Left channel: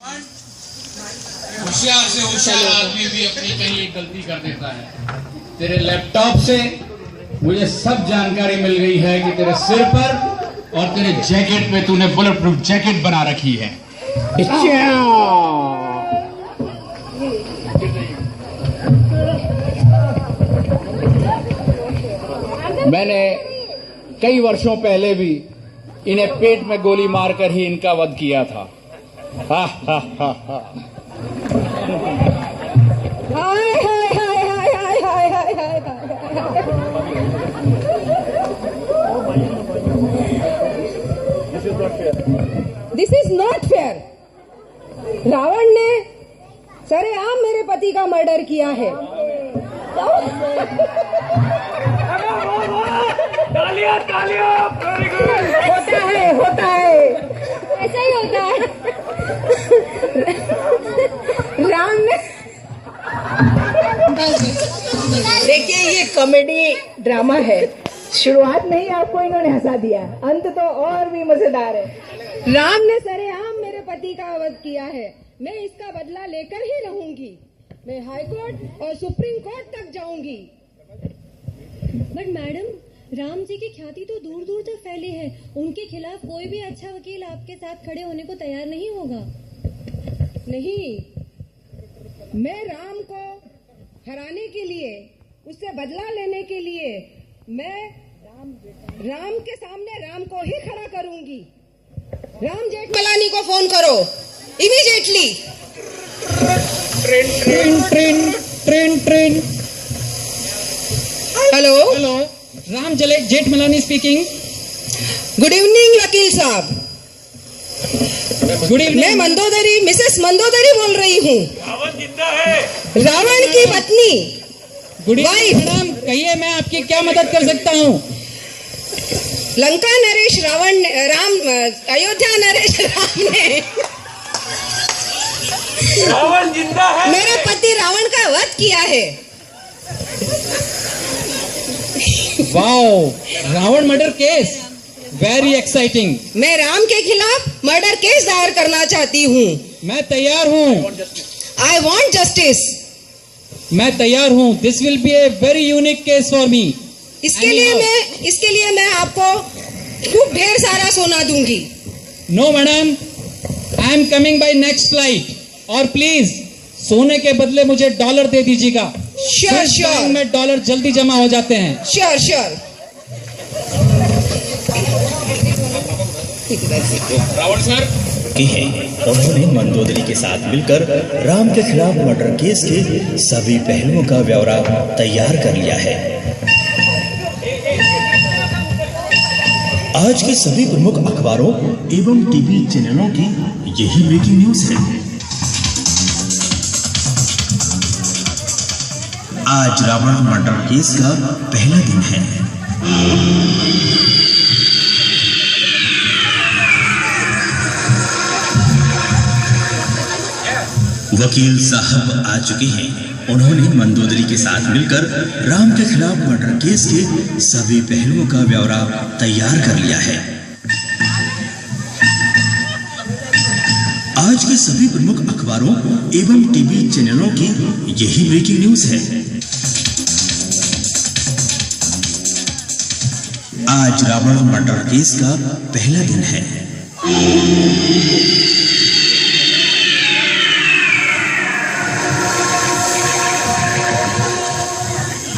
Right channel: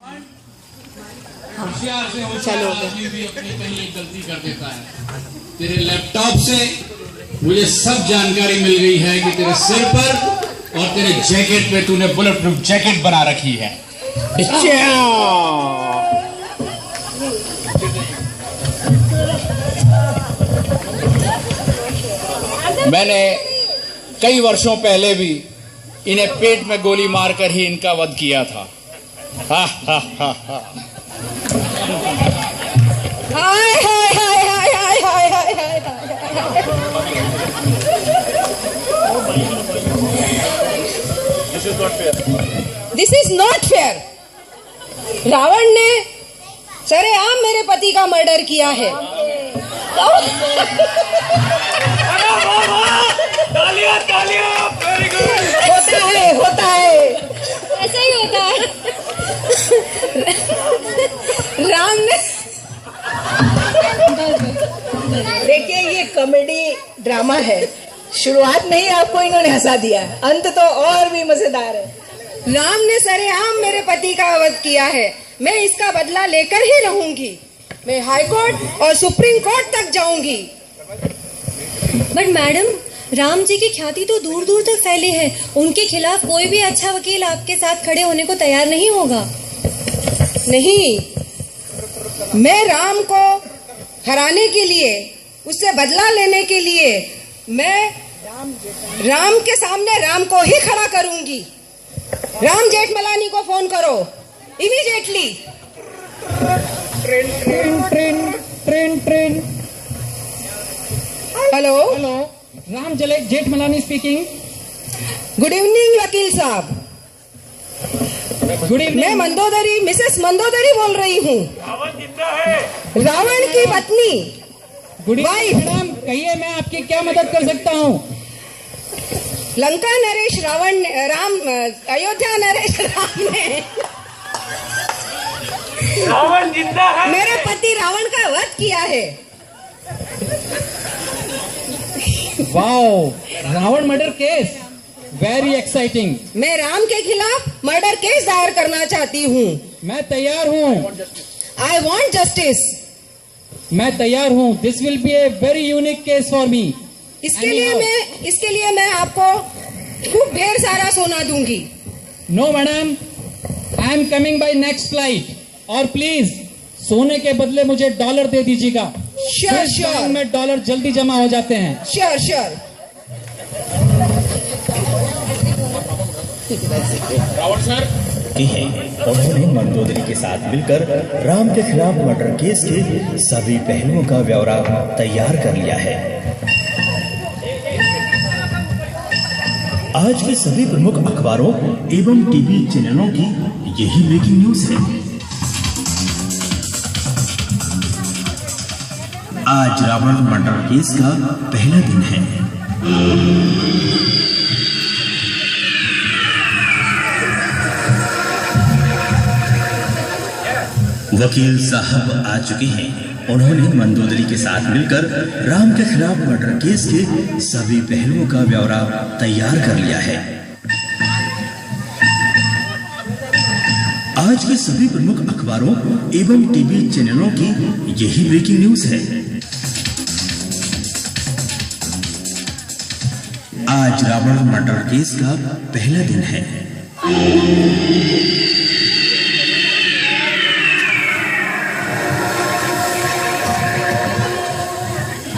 होशियार से होशियार आदमी भी अपनी कहीं एक गलती कर देता है। तेरे लैपटॉप से मुझे सब जानकारी मिल गई है कि तेरे सिर पर और तेरे जैकेट पे तूने बुलेट प्रूफ जैकेट बना रखी है। मैंने कई वर्षों पहले भी इन्हें पेट में गोली मारकर ही इनका वध किया था। हा हा हा हा। हाय हाय हाय हाय हाय हाय हाय हाय this is not fair. Ravan ने सरेआम मेरे पति का मर्डर किया है। तालियां तालियां, वेरी गुड। होता है ऐसा ही होता है। राम ने देखिए, ये कॉमेडी ड्रामा है। शुरुआत में ही आपको इन्होंने हंसा दिया, अंत तो और भी मजेदार है। राम ने सरेआम मेरे पति का वध किया है। मैं इसका बदला लेकर ही रहूंगी। मैं हाई कोर्ट और सुप्रीम कोर्ट तक जाऊंगी। बट मैडम, राम जी की ख्याति तो दूर दूर तक फैली है। उनके खिलाफ कोई भी अच्छा वकील आपके साथ खड़े होने को तैयार नहीं होगा। नहीं, मैं राम को हराने के लिए, उससे बदला लेने के लिए मैं राम के सामने राम को ही खड़ा करूंगी। राम जेठमलानी को फोन करो immediately. Train train train train. Hello hello, Ram Jethmalani speaking. Good evening वकील साहब। Good evening. मैं मंदोदरी, मिसेस मंदोदरी बोल रही हूँ, रावण जिंदा है। रावण की पत्नी। गुड इवनिंग मैडम, कहिए मैं आपकी क्या मदद कर सकता हूँ? लंका नरेश रावण, अयोध्या नरेश राम ने रावण जिंदा है। मेरे पति रावण का वध किया है। Wow, Ravan murder case, very exciting. मैं राम के खिलाफ मर्डर केस दायर करना चाहती हूँ। मैं तैयार हूँ। I want justice. मैं तैयार हूँ। This will be a very unique case for me. इसके लिए मैं आपको खूब ढेर सारा सोना दूंगी। No madam, I am coming by next flight. और प्लीज सोने के बदले मुझे डॉलर दे दीजिएगा। श्योर श्योर में डॉलर जल्दी जमा हो जाते हैं। Sure sure. रावण सर की है, उन्होंने मंदोदरी के साथ मिलकर राम के खिलाफ मर्डर केस के सभी पहलुओं का ब्यौरा तैयार कर लिया है। आज के सभी प्रमुख अखबारों एवं टीवी चैनलों की यही ब्रेकिंग न्यूज है। आज रावण मर्डर केस का पहला दिन है। वकील साहब आ चुके हैं। उन्होंने मंदोदरी के साथ मिलकर राम के खिलाफ मर्डर केस के सभी पहलुओं का ब्यौरा तैयार कर लिया है। आज के सभी प्रमुख अखबारों एवं टीवी चैनलों की यही ब्रेकिंग न्यूज है। आज रावण मर्डर केस का पहला दिन है।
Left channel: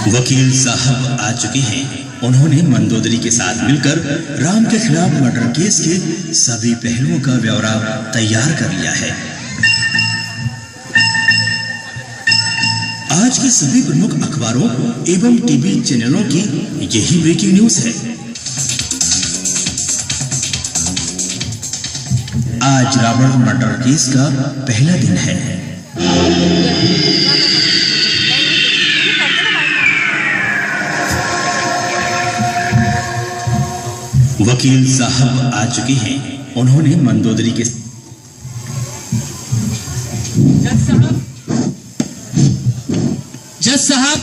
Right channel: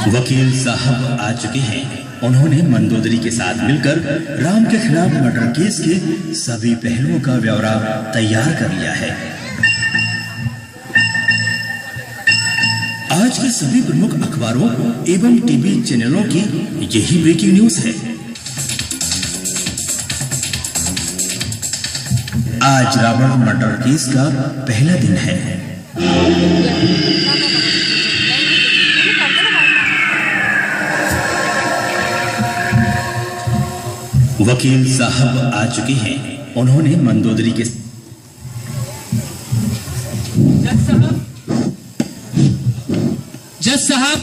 वकील साहब आ चुके हैं। उन्होंने मंदोदरी के साथ मिलकर राम के खिलाफ मर्डर केस के सभी पहलुओं का ब्यौरा तैयार कर लिया है। आज के सभी प्रमुख अखबारों एवं टीवी चैनलों की यही ब्रेकिंग न्यूज है। आज रावण मर्डर केस का पहला दिन है। वकील साहब आ चुके हैं। उन्होंने मंदोदरी के जज साहब,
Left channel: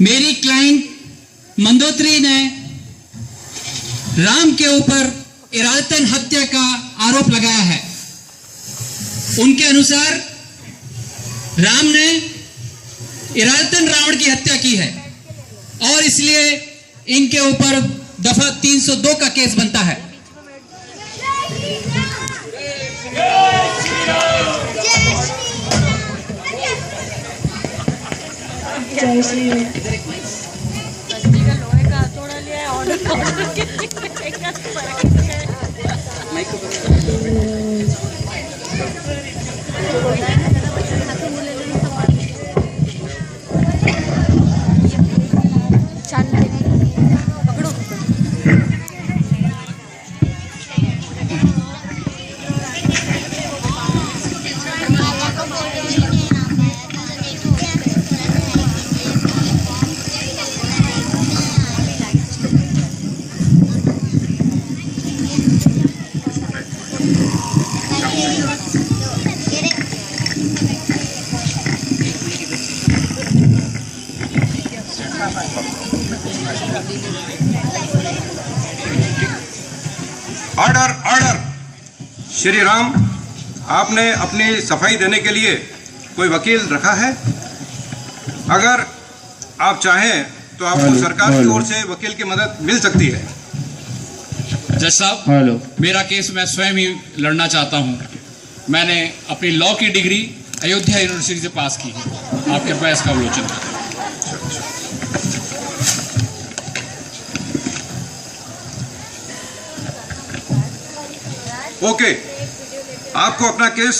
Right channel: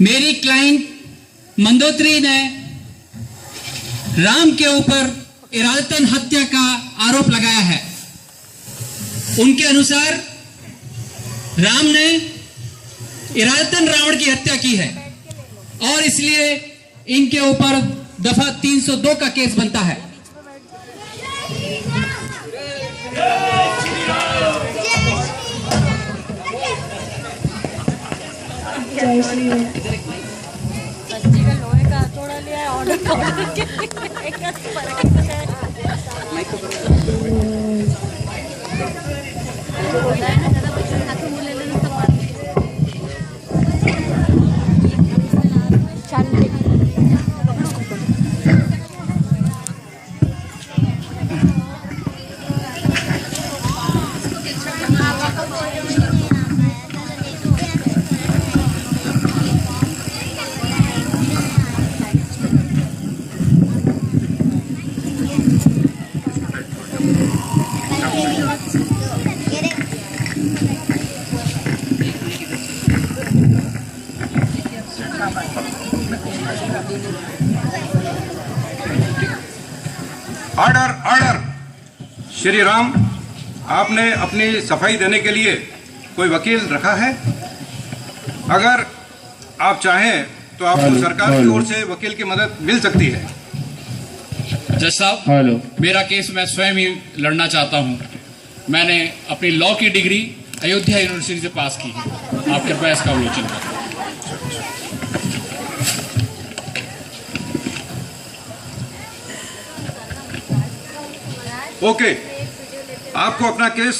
मेरी क्लाइंट मंदोदरी ने राम के ऊपर इरादतन हत्या का आरोप लगाया है। उनके अनुसार राम ने इरादतन रावण की हत्या की है और इसलिए इनके ऊपर दफा 302 का केस बनता है। जय श्री राम। Order order. श्री राम, आपने अपनी सफाई देने के लिए कोई वकील रखा है? अगर आप चाहें तो आपको सरकार की ओर से वकील की मदद मिल सकती है। जज साहब, मेरा केस मैं स्वयं ही लड़ना चाहता हूं। मैंने अपनी लॉ की डिग्री अयोध्या यूनिवर्सिटी से पास की है। आप कृपया इसका अवलोकन करें। ओके, आपको अपना केस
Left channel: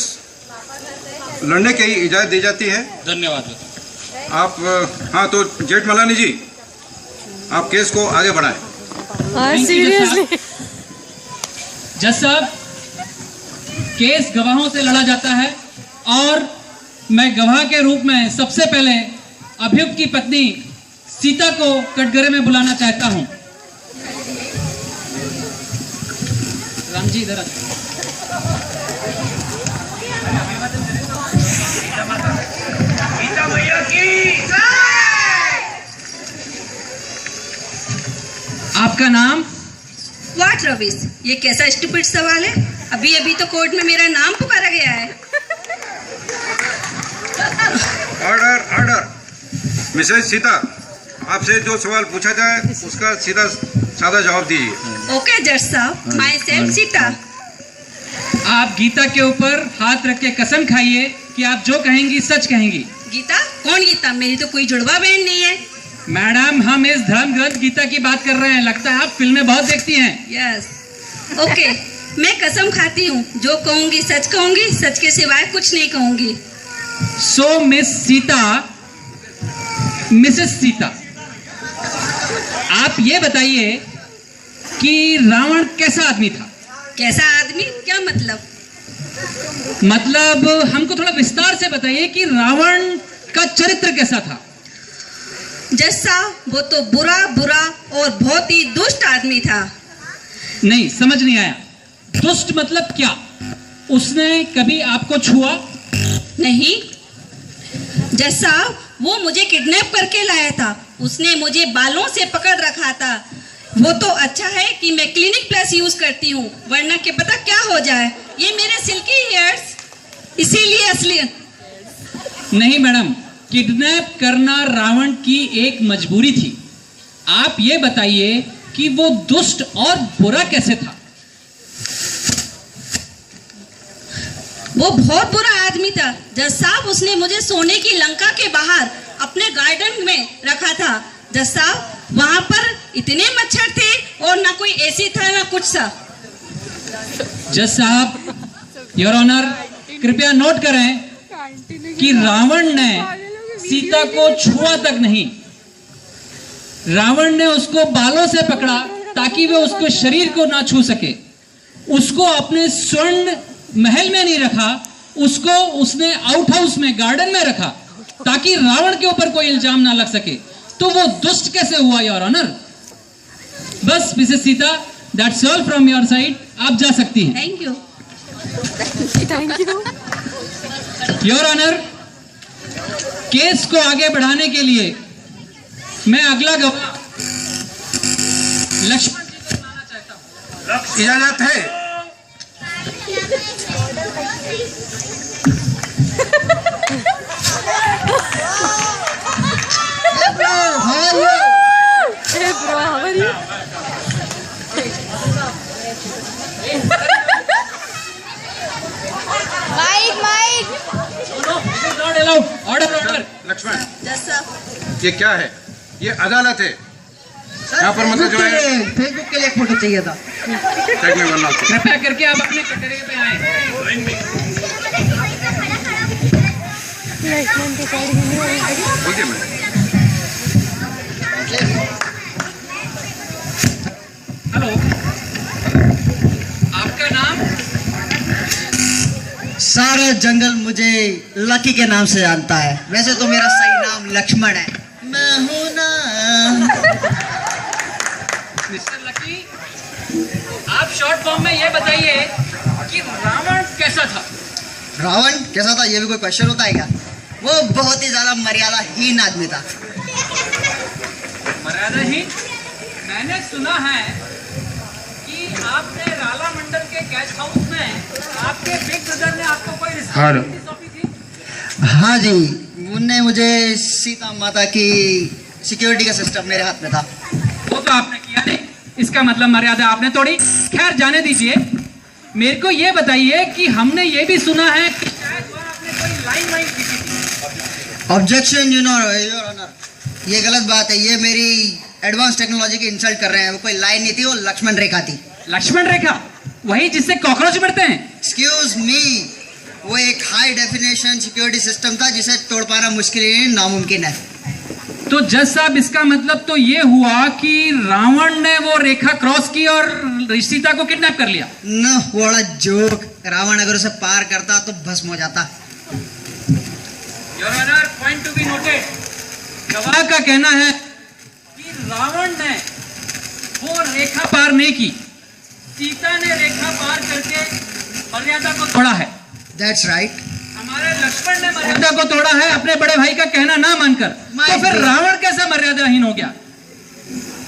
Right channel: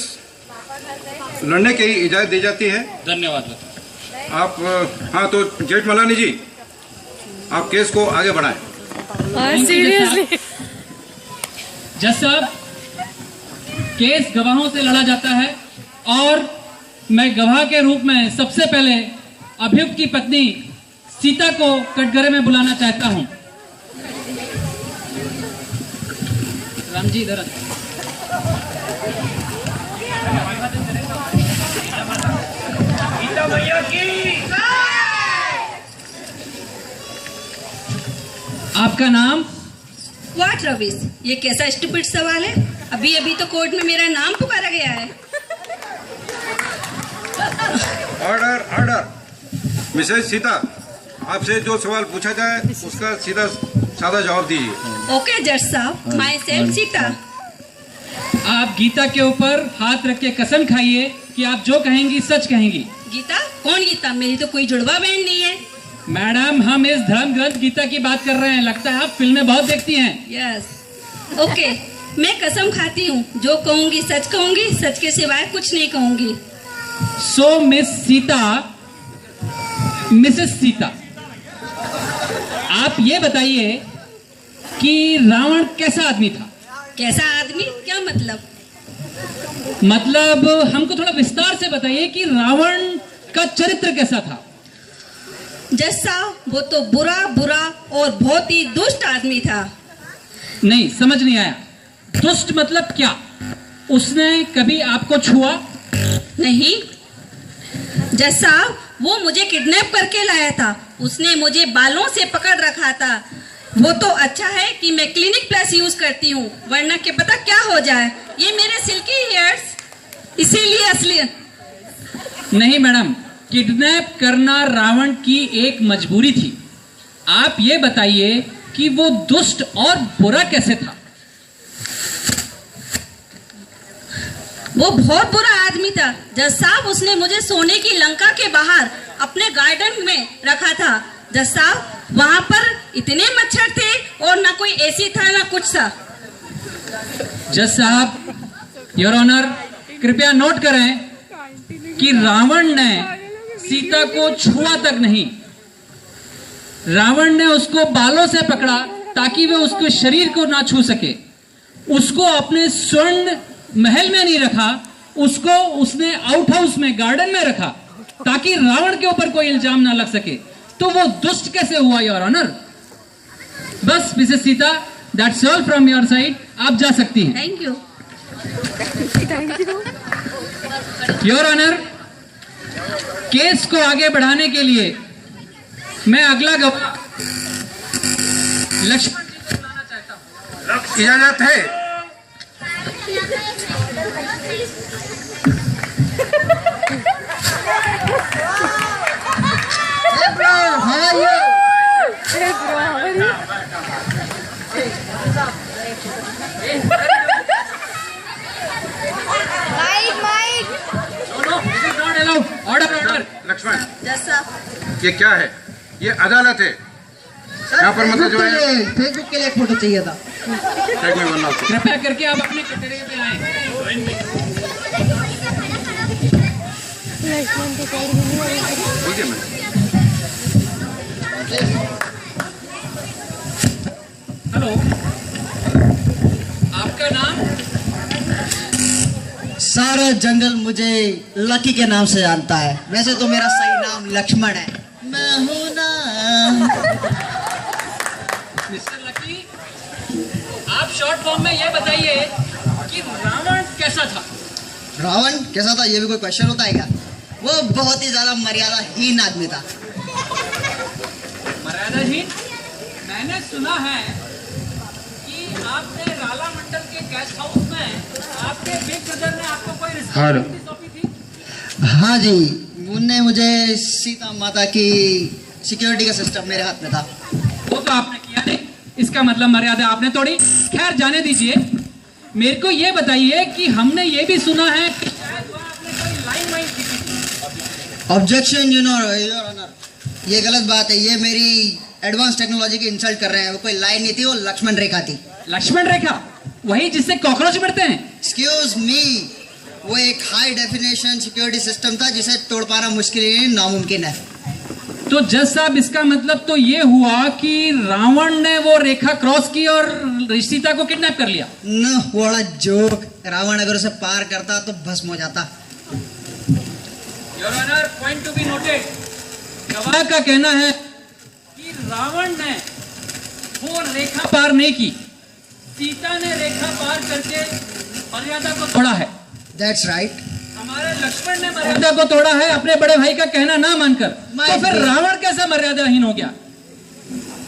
लड़ने की इजाजत दी जाती है। धन्यवाद। आप हाँ, तो जेठमलानी जी, आप केस को आगे बढ़ाएं। सीरियसली जज साहब, केस गवाहों से लड़ा जाता है और मैं गवाह के रूप में सबसे पहले अभियुक्त की पत्नी सीता को कटघरे में बुलाना चाहता हूं। राम जी इधर आइए। आपका नाम? व्हाट रविश, ये कैसा स्टूपिड सवाल है? अभी अभी तो कोर्ट में मेरा नाम पुकारा गया है। Order order. मिसेज सीता, आपसे जो सवाल पूछा जाए उसका सीधा सादा जवाब दीजिए। ओके जज साहब, माय सेल्फ सीता। आप गीता के ऊपर हाथ रख के कसम खाइए कि आप जो कहेंगी सच कहेंगी। गीता? कौन गीता? मेरी तो कोई जुड़वा बहन नहीं है। मैडम, हम इस धर्म ग्रंथ गीता की बात कर रहे हैं। लगता है आप फिल्में बहुत देखती हैं। यस। ओके, मैं कसम खाती हूँ, जो कहूँगी सच कहूँगी, सच के सिवाय कुछ नहीं कहूँगी। सो मिस सीता, मिसेस सीता, आप ये बताइए कि रावण कैसा आदमी था? कैसा आदमी? क्या मतलब? मतलब हमको थोड़ा विस्तार से बताइए कि रावण का चरित्र कैसा था? जज साहब, वो तो बुरा बुरा और बहुत ही दुष्ट आदमी था। नहीं, समझ नहीं आया। दुष्ट मतलब क्या? उसने कभी आपको छुआ? नहीं जज साहब, वो मुझे किडनैप करके लाया था। उसने मुझे बालों से पकड़ रखा था। वो तो अच्छा है कि मैं क्लिनिक प्लस यूज करती हूँ, वरना के पता क्या हो जाए। ये मेरे सिल्की हेयर्स, इसीलिए असली। नहीं मैडम, किडनैप करना रावण की एक मजबूरी थी। आप ये बताइए कि वो दुष्ट और बुरा कैसे था? वो बहुत बुरा आदमी था जज साहब। उसने मुझे सोने की लंका के बाहर अपने गार्डन में रखा था। जज साहब, वहां पर इतने मच्छर थे और ना कोई एसी था ना कुछ सा। जज साहब, योर ऑनर, कृपया नोट करें कि रावण ने सीता को छुआ तक नहीं, रावण ने उसको बालों से पकड़ा ताकि वे उसके शरीर को ना छू सके। उसको अपने स्वर्ण महल में नहीं रखा, उसको उसने आउट हाउस में, गार्डन में रखा ताकि रावण के ऊपर कोई इल्जाम ना लग सके। तो वो दुष्ट कैसे हुआ योर ऑनर? बस Mrs Sita, that's all from your side. आप जा सकती हैं। Thank you. Your honour, case को आगे बढ़ाने के लिए मैं अगला लक्ष्मण इजाजत है। लक्ष्मण, ये क्या है? ये अदालत है। यहाँ पर मतलब जो है फेसबुक के लिए एक फोटो चाहिए था। कृपया करके आप अपने कटरे पे आए। बोलिए मैम। हेलो, आपका नाम? सारा जंगल मुझे लकी के नाम से जानता है। वैसे तो मेरा सही नाम लक्ष्मण है। मैं हूं ना। मिस्टर लकी, आप शॉर्ट फॉर्म में ये बताइए कि रावण कैसा था? रावण कैसा था, ये भी कोई क्वेश्चन होता है क्या? वो बहुत ही ज्यादा मर्यादाहीन आदमी था। मर्यादाहीन? मैंने सुना है कि आपने राला मंडल के गेस्ट हाउस में आपके बिग ब्रदर ने आपको कोई रिस्पॉन्सिबिलिटी सौंपी थी? हाँ जी, उनने मुझे सीता माता की सिक्योरिटी का सिस्टम मेरे हाथ में था। वो तो आपने किया नहीं, इसका मतलब मर्यादा आपने तोड़ी। खैर जाने दीजिए, मेरे को ये बताइए कि हमने ये भी सुना है कि शायद वहाँ आपने कोई लाइन वाइन खींची थी। ऑब्जेक्शन योर ऑनर, ये गलत बात है। ये मेरी एडवांस टेक्नोलॉजी की इंसल्ट कर रहे हैं। वो कोई लाइन नहीं थी, वो लक्ष्मण रेखा थी। लक्ष्मण रेखा? वही जिससे कॉकरोच बढ़ते हैं? एक्सक्यूज मी, वो एक हाई डेफिनेशन सिक्योरिटी सिस्टम था जिसे तोड़ पाना मुश्किल ही नामुमकिन है। तो जज साहब, इसका मतलब तो ये हुआ कि रावण ने वो रेखा क्रॉस की और सीता को किडनैप कर लिया। न बड़ा जोक, रावण अगर उसे पार करता तो भस्म हो जाता। Your honour, point to be noted, गवाह का कहना है कि रावण ने वो रेखा पार नहीं की, सीता ने रेखा पार करके मर्यादा को तोड़ा है। That's right. हमारे लक्ष्मण ने मर्यादा को तोड़ा है अपने बड़े भाई का कहना ना मानकर। तो फिर रावण कैसा मर्यादाहीन हो गया?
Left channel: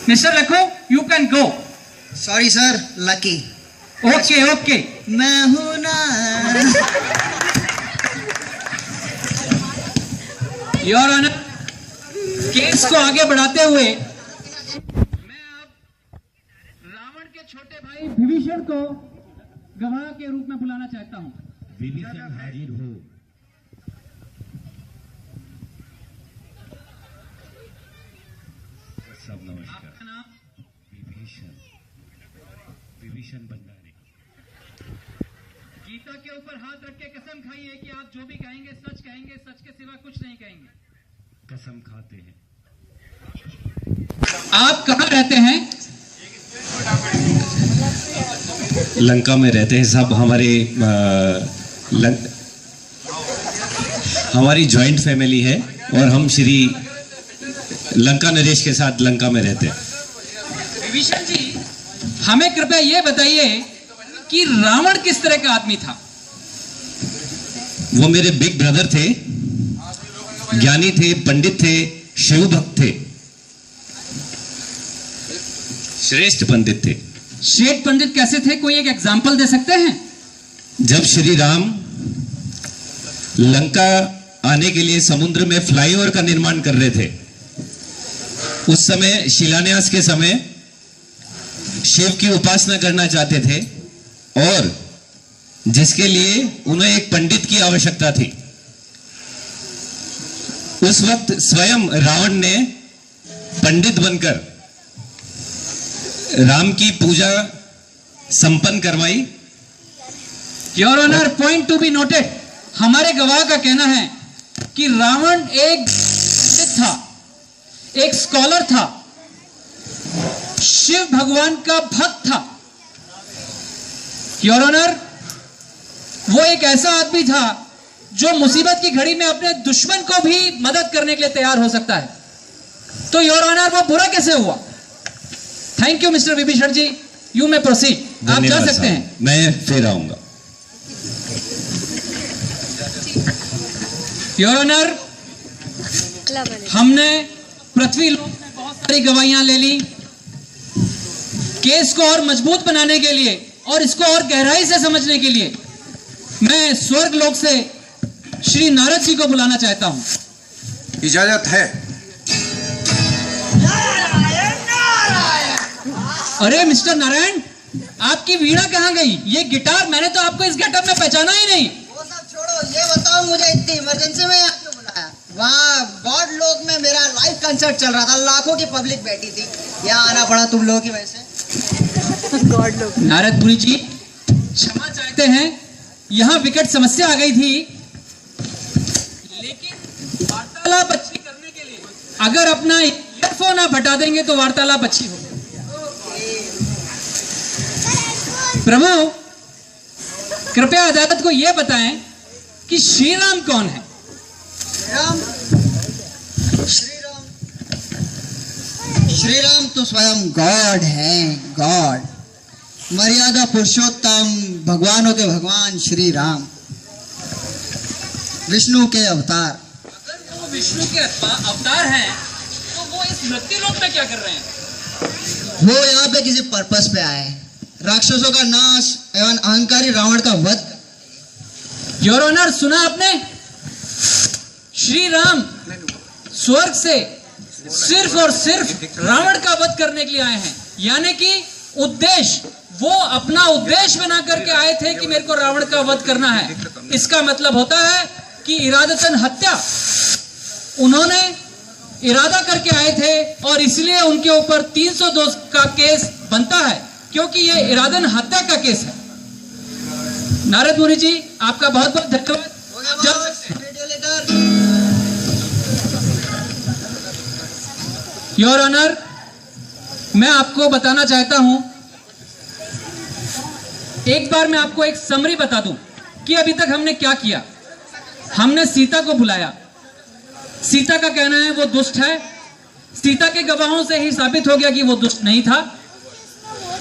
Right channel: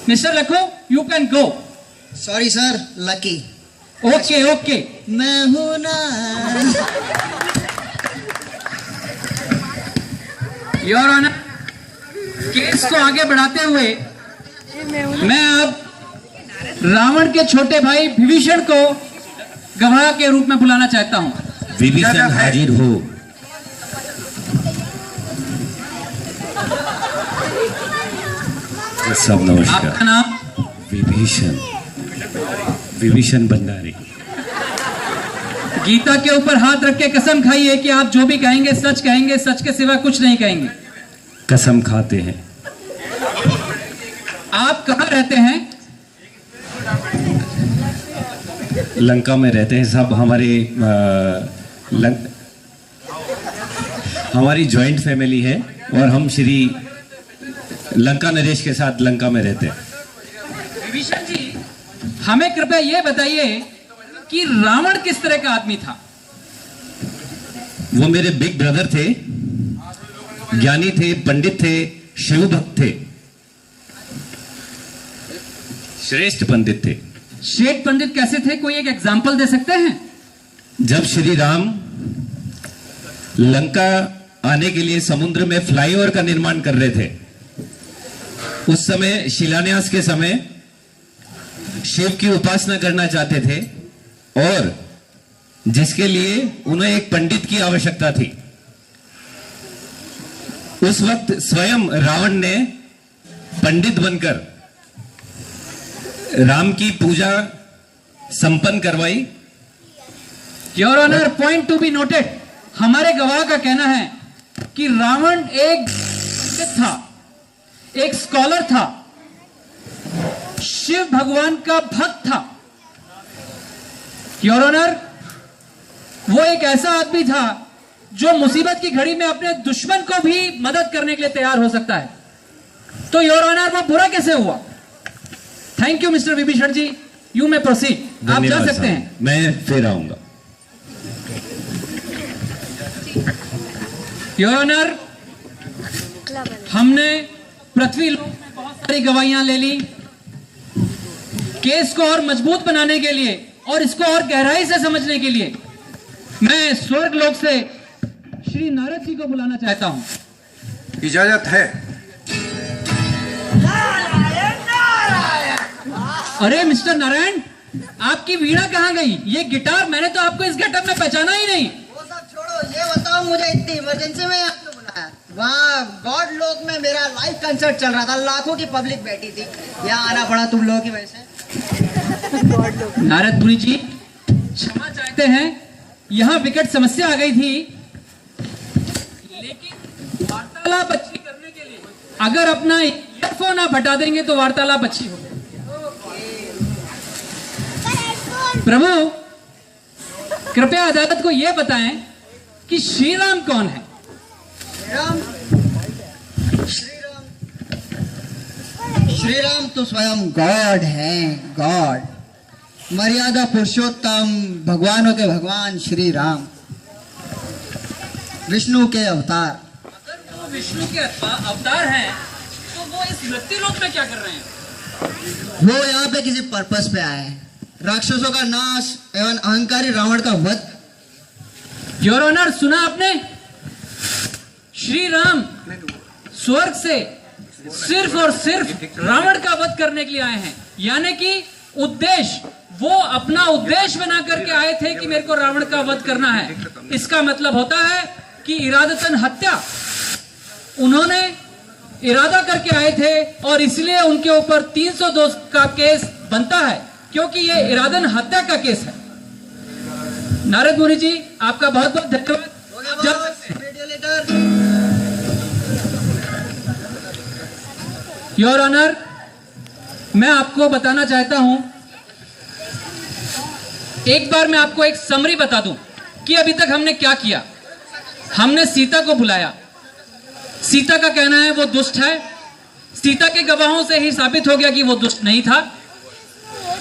Mister Lakho, you can go. Sorry sir, Lucky. Okay okay, मैं हूं ना। योर ऑनर, केस को आगे बढ़ाते हुए मैं अब रावण के छोटे भाई विभीषण को गवाह के रूप में बुलाना चाहता हूं। विभीषण हाजिर हो। सब नमस्कार। आपका नाम? विभीषण, विभीषण भंडारी। गीता के ऊपर हाथ रख के कसम खाइए कि आप जो भी कहेंगे सच कहेंगे, सच के सिवा कुछ नहीं कहेंगे। कसम खाते हैं। आप कहाँ रहते हैं? लंका में रहते हैं साहब। हमारी जॉइंट फैमिली है और हम श्री लंका नरेश के साथ लंका में रहते हैं। विभीषण जी, हमें कृपया ये बताइए कि रावण किस तरह का आदमी था? वो मेरे बिग ब्रदर थे, ज्ञानी थे, पंडित थे, शिव भक्त थे, श्रेष्ठ पंडित थे। श्रेष्ठ पंडित कैसे थे? कोई एक एग्जाम्पल दे सकते हैं? जब श्री राम लंका आने के लिए समुद्र में फ्लाईओवर का निर्माण कर रहे थे, उस समय शिलान्यास के समय शिव की उपासना करना चाहते थे और जिसके लिए उन्हें एक पंडित की आवश्यकता थी। उस वक्त स्वयं रावण ने पंडित बनकर राम की पूजा संपन्न करवाई। Your honour, point to be noted, हमारे गवाह का कहना है कि रावण एक था, एक स्कॉलर था, शिव भगवान का भक्त था। योर ऑनर, वो एक ऐसा आदमी था जो मुसीबत की घड़ी में अपने दुश्मन को भी मदद करने के लिए तैयार हो सकता है। तो योर ऑनर, वो बुरा कैसे हुआ? Thank you Mister Vibhishan ji, you may proceed. आप जा सकते हैं। मैं फिर आऊंगा। योर ऑनर, हमने पृथ्वी लोक में बहुत सारी गवाहियां ले ली। केस को और मजबूत बनाने के लिए और इसको और गहराई से समझने के लिए मैं स्वर्ग लोक से श्री नारद जी को बुलाना चाहता हूं। इजाजत है। अरे मिस्टर नारायण, आपकी वीणा कहाँ गई? ये गिटार, मैंने तो आपको इस गेटअप में पहचाना ही नहीं। वो सब छोड़ो, ये बताओ मुझे इतनी इमरजेंसी में यहाँ क्यों बुलाया? वहाँ गॉड लोक में मेरा लाइव कंसर्ट चल रहा था, लाखों की पब्लिक बैठी थी, यहाँ आना पड़ा तुम लोगों की वजह से। नारदपुरी जी क्षमा चाहते हैं, यहाँ विकट समस्या आ गई थी, लेकिन वार्तालाप अच्छी करने के लिए अगर अपना ईयरफोन आप हटा देंगे तो वार्तालाप अच्छी होगी। प्रभु, कृपया अदालत को यह बताएं कि श्री राम कौन है? श्री राम तो स्वयं गॉड है, गॉड, मर्यादा पुरुषोत्तम, भगवानों के भगवान श्री राम, विष्णु के अवतार। अगर वो विष्णु के अवतार हैं, तो वो इस मृत्यु लोक में क्या कर रहे हैं? वो यहाँ पे किसी पर्पस पे आए हैं, राक्षसों का नाश एवं अहंकारी रावण का वध। योर ऑनर, सुना आपने? श्री राम स्वर्ग से सिर्फ और सिर्फ रावण का वध करने के लिए आए हैं, यानी कि उद्देश्य, वो अपना उद्देश्य बना करके आए थे कि मेरे को रावण का वध करना है। इसका मतलब होता है कि इरादतन हत्या उन्होंने इरादा करके आए थे, और इसलिए उनके ऊपर 302 का केस बनता है, क्योंकि ये इरादन हत्या का केस है। नारद मुनि जी, आपका बहुत बहुत धन्यवाद। योर ऑनर, मैं आपको बताना चाहता हूं, एक बार मैं आपको एक समरी बता दूं कि अभी तक हमने क्या किया। हमने सीता को बुलाया, सीता का कहना है वो दुष्ट है, सीता के गवाहों से ही साबित हो गया कि वो दुष्ट नहीं था।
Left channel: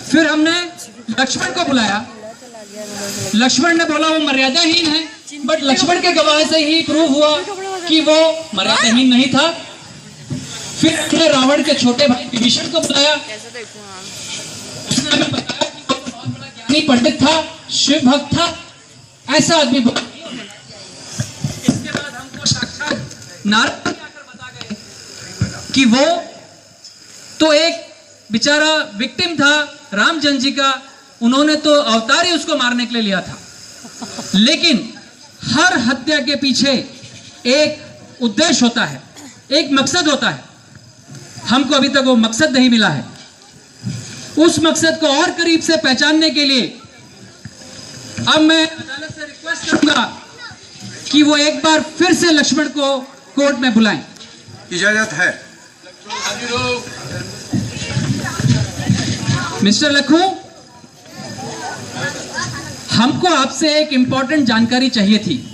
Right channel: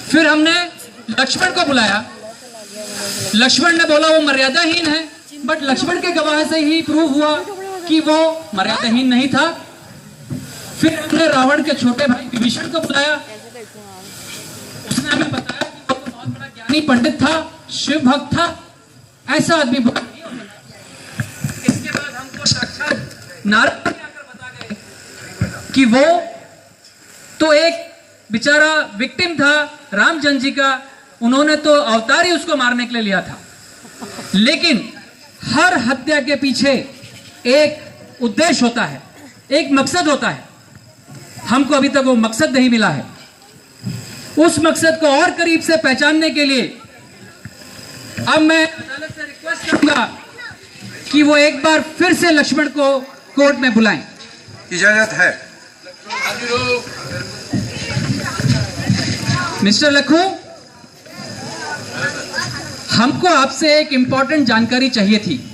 फिर हमने लक्ष्मण को बुलाया, लक्ष्मण ने बोला वो मर्यादाहीन है, बट लक्ष्मण के गवाह से ही प्रूव हुआ कि वो मर्यादाहीन नहीं था। फिर हमने रावण के छोटे भाई विभीषण को बुलाया, उसने हमें बताया कि वो बहुत बड़ा ज्ञानी पंडित था, शिव भक्त था, ऐसा आदमी। इसके बाद हमको साक्षात नारद जी आकर बता गए कि वो तो एक बेचारा विक्टिम था रामचंद्र जी का, उन्होंने तो अवतार ही उसको मारने के लिए लिया था, लेकिन हर हत्या के पीछे एक उद्देश्य होता है, एक मकसद होता है। हमको अभी तक वो मकसद नहीं मिला है। उस मकसद को और करीब से पहचानने के लिए अब मैं अदालत से रिक्वेस्ट करूंगा कि वो एक बार फिर से लक्ष्मण को कोर्ट में बुलाएं। इजाजत है। मिस्टर लखू, हमको आपसे एक इंपॉर्टेंट जानकारी चाहिए थी।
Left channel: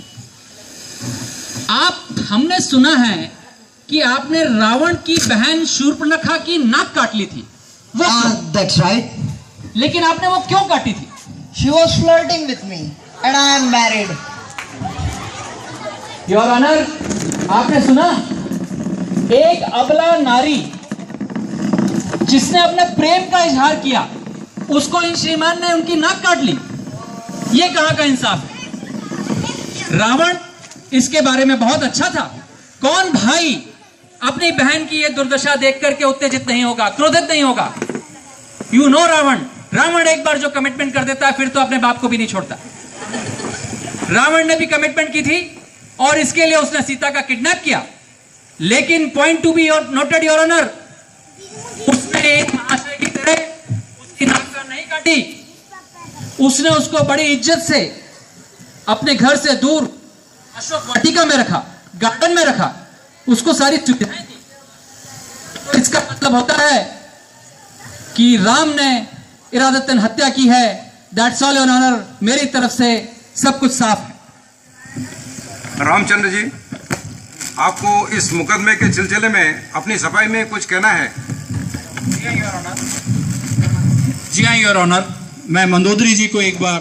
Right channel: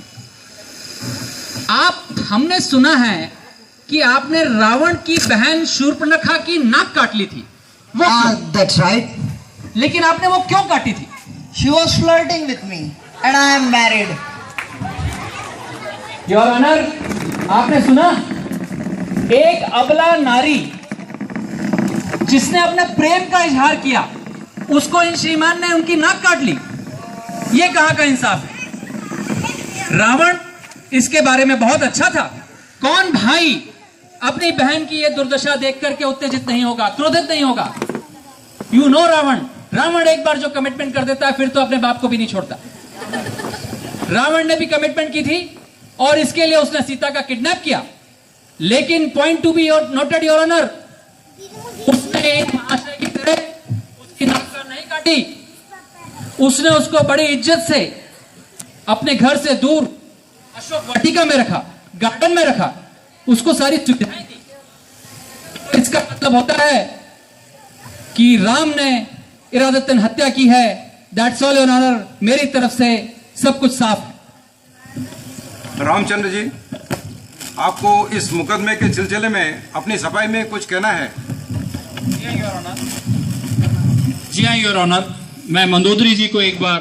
हमने सुना है कि आपने रावण की बहन शूर्पणखा की नाक काट ली थी। वो That's right. लेकिन आपने वो क्यों काटी थी? She was flirting with me and I am married. Your honour, आपने सुना, एक अबला नारी जिसने अपने प्रेम का इजहार किया, उसको इन श्रीमान ने उनकी नाक काट ली। ये कहां का इंसाफ है? रावण इसके बारे में बहुत अच्छा था। कौन भाई अपनी बहन की ये दुर्दशा देख करके उत्तेजित नहीं होगा, क्रोधित नहीं होगा? यू नो रावण एक बार जो कमिटमेंट कर देता है फिर तो अपने बाप को भी नहीं छोड़ता। रावण ने भी कमिटमेंट की थी और इसके लिए उसने सीता का किडनैप किया, लेकिन point to be noted your honour, उसने एक महाशय की तरह उसकी नाक नहीं काटी। उसने उसको बड़ी इज्जत से अपने घर से दूर अशोक वाटिका में रखा, गार्डन में रखा, उसको सारी सुविधाएं दी। तो इसका मतलब होता है कि राम ने इरादतन हत्या की है। दैट्स ऑल योर ऑनर, मेरी तरफ से सब कुछ साफ है। रामचंद्र जी, आपको इस मुकदमे के सिलसिले में अपनी सफाई में कुछ कहना है? जी हाँ योर ऑनर, मैं मंदोदरी जी को एक बार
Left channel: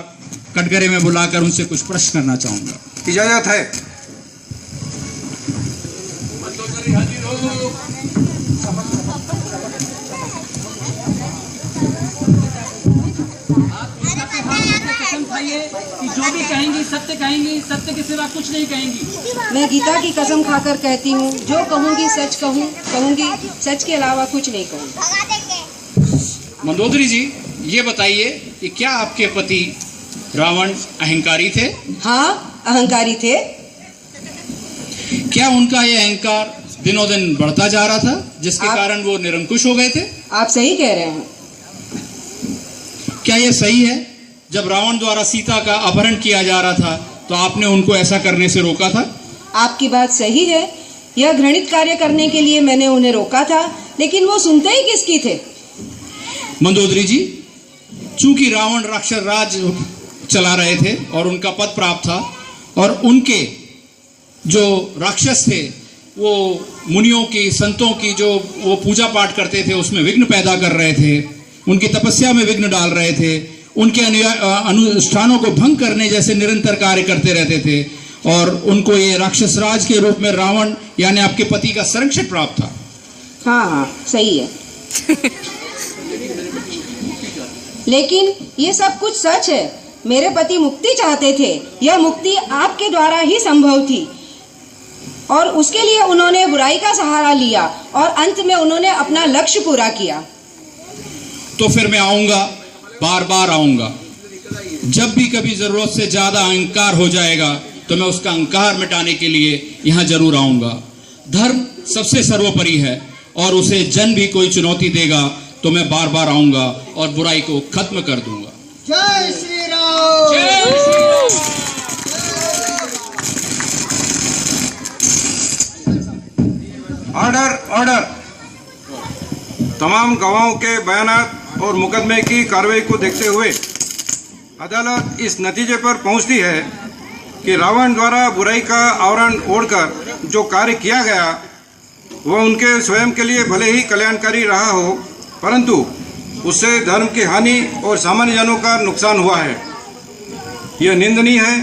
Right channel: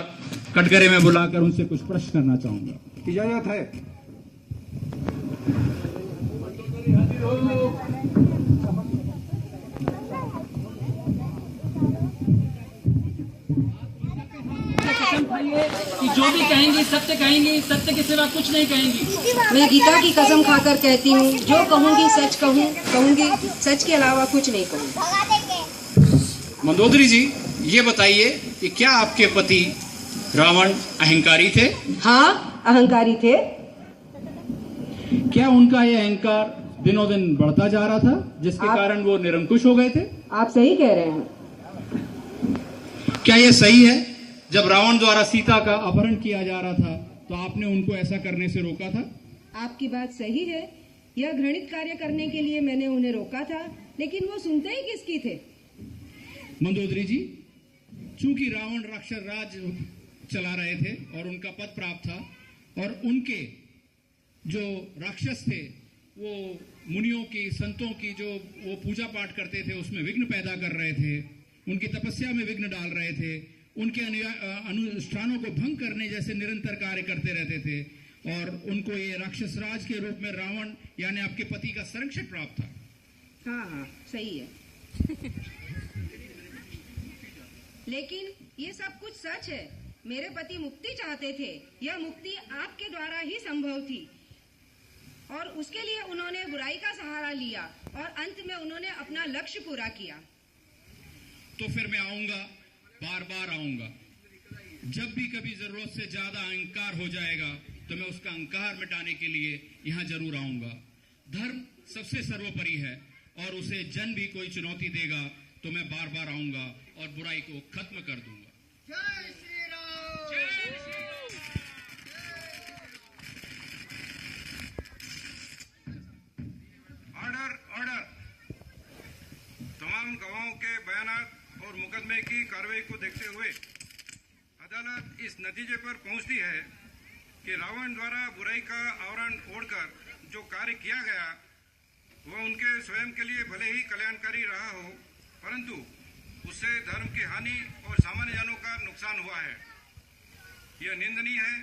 कटघरे में बुलाकर उनसे कुछ प्रश्न करना चाहूंगा। इजाजत है। कि जो जो भी कहेंगी सत्य कहेंगी, सत्य के सिवा कुछ नहीं कहेंगी। मैं गीता की कसम खाकर कहती हूँ, जो कहूँगी सच कहूँगी, सच के अलावा कुछ नहीं कहूँगी। मंदोदरी जी, ये बताइए कि क्या आपके पति रावण अहंकारी थे? हाँ, अहंकारी थे। क्या उनका ये अहंकार दिनों दिन बढ़ता जा रहा था, जिसके कारण वो निरंकुश हो गए थे? आप सही कह रहे हैं। क्या यह सही है, जब रावण द्वारा सीता का अपहरण किया जा रहा था तो आपने उनको ऐसा करने से रोका था? आपकी बात सही है। यह घृणित कार्य करने के लिए मैंने उन्हें रोका था, लेकिन वो सुनते ही किसकी थे? मंदोदरी जी, चूंकि रावण राक्षस राज चला रहे थे और उनका पद प्राप्त था, और उनके जो राक्षस थे वो मुनियों की, संतों की जो वो पूजा पाठ करते थे उसमें विघ्न पैदा कर रहे थे, उनकी तपस्या में विघ्न डाल रहे थे, उनके अनुष्ठानों को भंग करने जैसे निरंतर कार्य करते रहते थे, और उनको ये राक्षस राज के रूप में रावण यानी आपके पति का संरक्षण प्राप्त था। हाँ, सही है। लेकिन ये सब कुछ सच है। मेरे पति मुक्ति चाहते थे। यह मुक्ति आपके द्वारा ही संभव थी, और उसके लिए उन्होंने बुराई का सहारा लिया, और अंत में उन्होंने अपना लक्ष्य पूरा किया। तो फिर मैं आऊंगा, बार बार आऊंगा। जब भी कभी जरूरत से ज्यादा अहंकार हो जाएगा तो मैं उसका अहंकार मिटाने के लिए यहाँ जरूर आऊंगा। धर्म सबसे सर्वोपरि है, और उसे जन भी कोई चुनौती देगा तो मैं बार बार आऊंगा और बुराई को खत्म कर दूंगा। जय श्री राम। Order, order. तमाम गवाहों के बयानात और मुकदमे की कार्रवाई को देखते हुए अदालत इस नतीजे पर पहुंचती है कि रावण द्वारा बुराई का आवरण ओढ़कर जो कार्य किया गया वह उनके स्वयं के लिए भले ही कल्याणकारी रहा हो, परंतु उससे धर्म की हानि और सामान्य जनों का नुकसान हुआ है। यह निंदनीय है,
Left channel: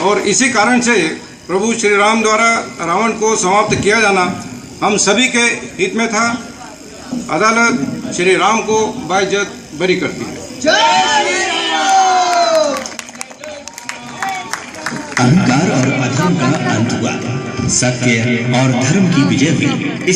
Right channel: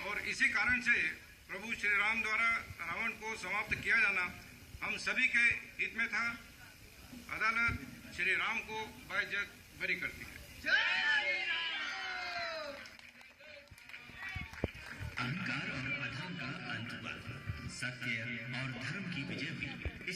और इसी कारण से प्रभु श्री राम द्वारा रावण को समाप्त किया जाना हम सभी के हित में था। अदालत श्री राम को बाइज्जत बरी करती है। अहंकार और अधर्म का अंत हुआ, सत्य और धर्म की विजय हुई। इसी